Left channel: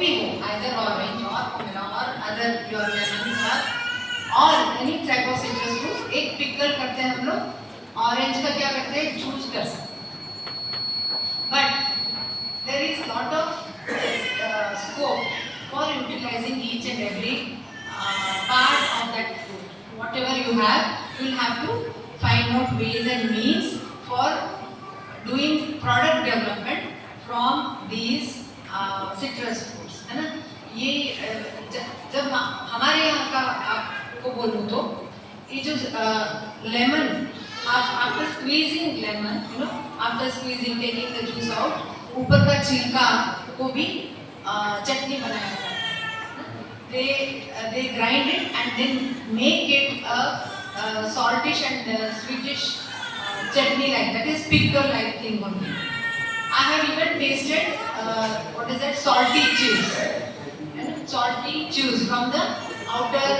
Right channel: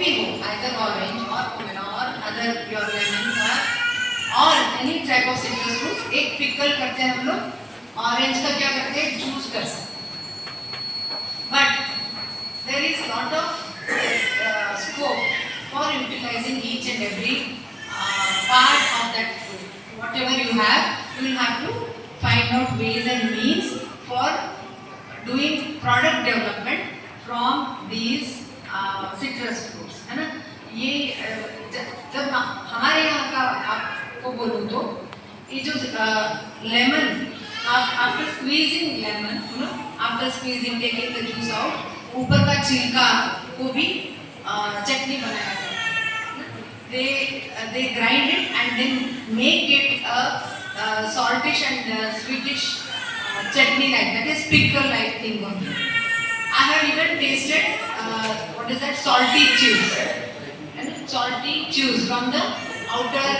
भी हो, either orange or pomelo or other your lemons or any type of citrus fruit, एक pickle करते हैं हम लोग. Orange का क्या करते हैं? Juice कर सकते हैं. But there is lot of scope for utilizing each and every part of that fruit. Whatever you will have to find out ways and means for doing product development from these citrus fruits, है ना. ये जब हमारे यहाँ का आपको बोलूँ तो ये जो lemon, after squeezing lemon, you know, after squeezing taking the juice out, ऊपर का छिलका को भी चटनी बनाया जाता है. They grind it and then make it a saltish and sweetish chutney like that, is pickle like thing only. I have even tasted what is that, salty cheese, and salty cheese from the outer